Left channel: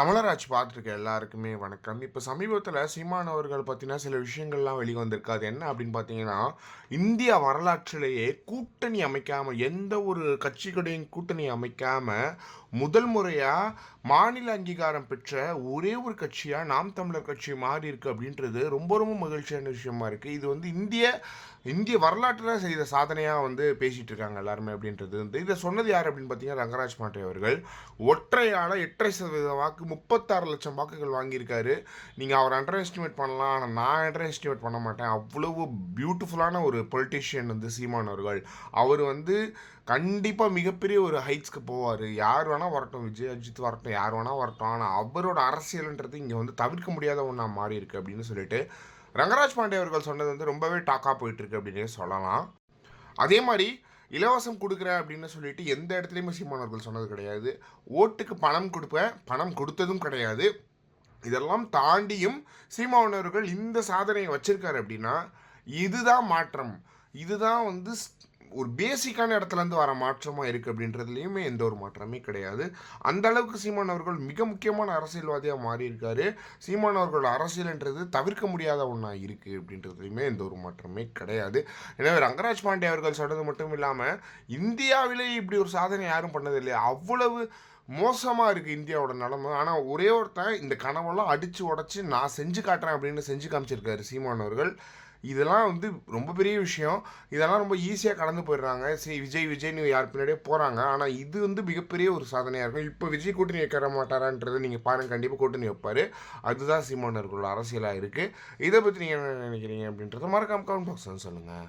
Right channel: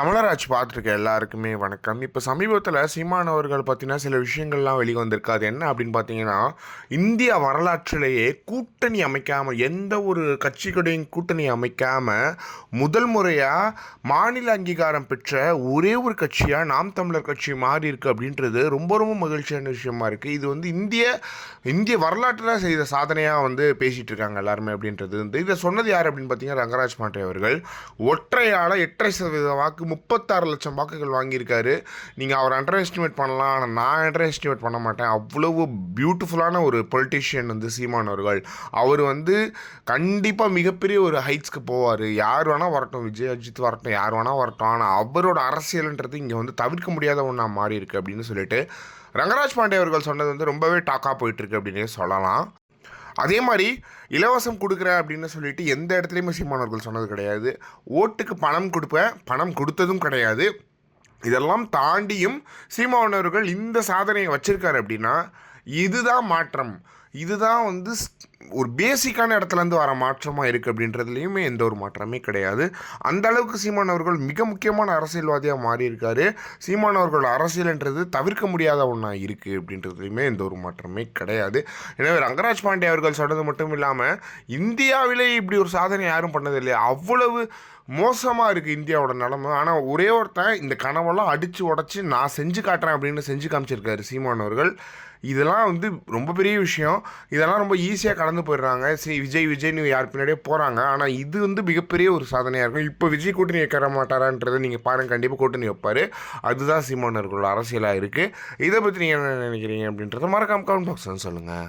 கமலராஜ் பார்த்துருக்க எல்லாருக்குமே வணக்கம். இப்போ சமீபத்தில் சீமான் அவர்கள் பார்த்தீங்கன்னா சில விஷயங்கள்லாம் வெளியே வந்திருக்கு அது என்ன அப்படின்னு பார்த்தீங்கன்னா இந்திய வரலாற்றிலேயே கூட்டணி அமைக்காமல் எந்த ஒரு கட்சிகளையும் கூட்டணி அமைக்காமல் முதல் முறையாக மாநில அங்கீகாரம் பெற்ற ஒரே ஒரு கட்சியாக நாம் தமிழர் கட்சி மாறி இருக்கு அப்படின்றது ரொம்ப ரொம்ப மகிழ்ச்சியான விஷயமா இருக்குது இது வந்து இந்திய இந்திய வரலாற்றில் செய்த சாதனையாக வந்து பேசிகிட்டு இருக்காங்க எல்லாருமே அப்படின்றது. வந்து இதை சொன்னது யார் அப்படின்னு பார்த்தீங்கன்னா ரங்கராஜ் பாண்டே அவர்கள். ஒற்றையால் எட்டரை சதவீத வாக்கு முப்பத்தாறு லட்சம் வாக்குகள் வாங்கியிருக்காரு. நீங்கள் அவர் அண்டர் எஸ்டிமேட் பண்ணலாம் ஆனால் நான் அண்டர் எஸ்டிமேட் பண்ண மாட்டேன். அவ்வளவு பியூட்டிஃபுல்லான ஒரு பொலிட்டிஷியன் வந்து சீமான் அவர்கள். அவர் வந்து கண்டிப்பாக மிகப்பெரிய ஒரு ஹைட்ஸ்க்கு போவார். யார் வேணால் வரட்டும் விஜய் அஜித் வரட்டும் யார் வேணால் வரட்டும். ஆனால் அவரோட அரசியல்ன்றது இங்கே வந்து தவிர்க்க முடியாத ஒன்றா மாறி இருக்குது அப்படின்னு சொல்லிட்டு ரங்கராஜ் பாண்டே அவர்கள் சொன்னது வந்து ரொம்பவே டாக்காக போயிட்டுருக்கு அப்படின்னே சொல்லலாம். அதே மாதிரி இலவசம் கொடுக்குறேன் அப்படின்னு சொல்லிட்டு எந்த இடத்துலையுமே சீமானவர்கள் சொன்னது கிடையாது. ஓட்டுக்கு பணம் கொடுப்பேன் பணம் கொடுத்ததும் கிடையாது. இதெல்லாம் தாண்டியும் சீமானவர்கள் இந்த சாதனையை வச்சுருக்காரு அப்படின்னா இதுதான் மாற்றம். இதுதான் வந்து ஒரு பேசிக்கான இடத்துலேருந்து வர மாற்றமாக இருக்குது அப்படின்றதுலையுமே எந்த ஒரு மாற்றமே கிடையாது. அந்த அளவுக்கு சீமான் அவர்கள் மிக முக்கியமான அரசியல்வாதியாக மாறியிருக்காரு சீமான் அவர்கள் அரசியல்ன்றது தவிர்க்க முடியாத ஒன்றா இருக்குது அப்படின்றதுலையுமே எந்த ஒரு மாற்றமே கிடையாது. எனவே ரங்கராஜ் பாண்டே அவர்கள் சொன்னது மட்டும் இல்லாமல் இந்தியாவிலே இப்படி ஒரு சாதனை யாரும் பண்ணதில்லை. அவ்வளவு மோசமாக இருக்குது இந்தியாவோட நிலமை. ஆனால் ஒரே ஒருத்தன் இந்த கனவெல்லாம் அடித்து உடச்சி நான் செஞ்சு காட்டுறேன் அப்படின்னு செஞ்சு காமிச்சிருக்காரு சீமான் அவர்கள். இதெல்லாம் வந்து ரொம்ப பெரிய விஷயம். இதெல்லாம் ரொம்ப ஈஸியாக கடந்து போயிடுறாங்க. சரி விஜய் விஜய்னு யார் பின்னாடியே போகிறாங்க ஆனால் இது வந்து மிகப்பெரிய ஒரு சாதனையாக இருக்கும். இப்போ விஜய் கூட்டணி வைக்கிற மாட்டாரான்றதை நீங்கள் பாருங்கள் கண்டிப்பாக கூட்டணி வைப்பார். அதுதான் சீமானர்களோட அரசியலாக இருக்குது இதை பற்றி நீங்கள் என்ன நினைக்கிறீங்க அப்படின்றத மறக்காம கமெண்ட் பாக்ஸ் சொல்லுங்கள்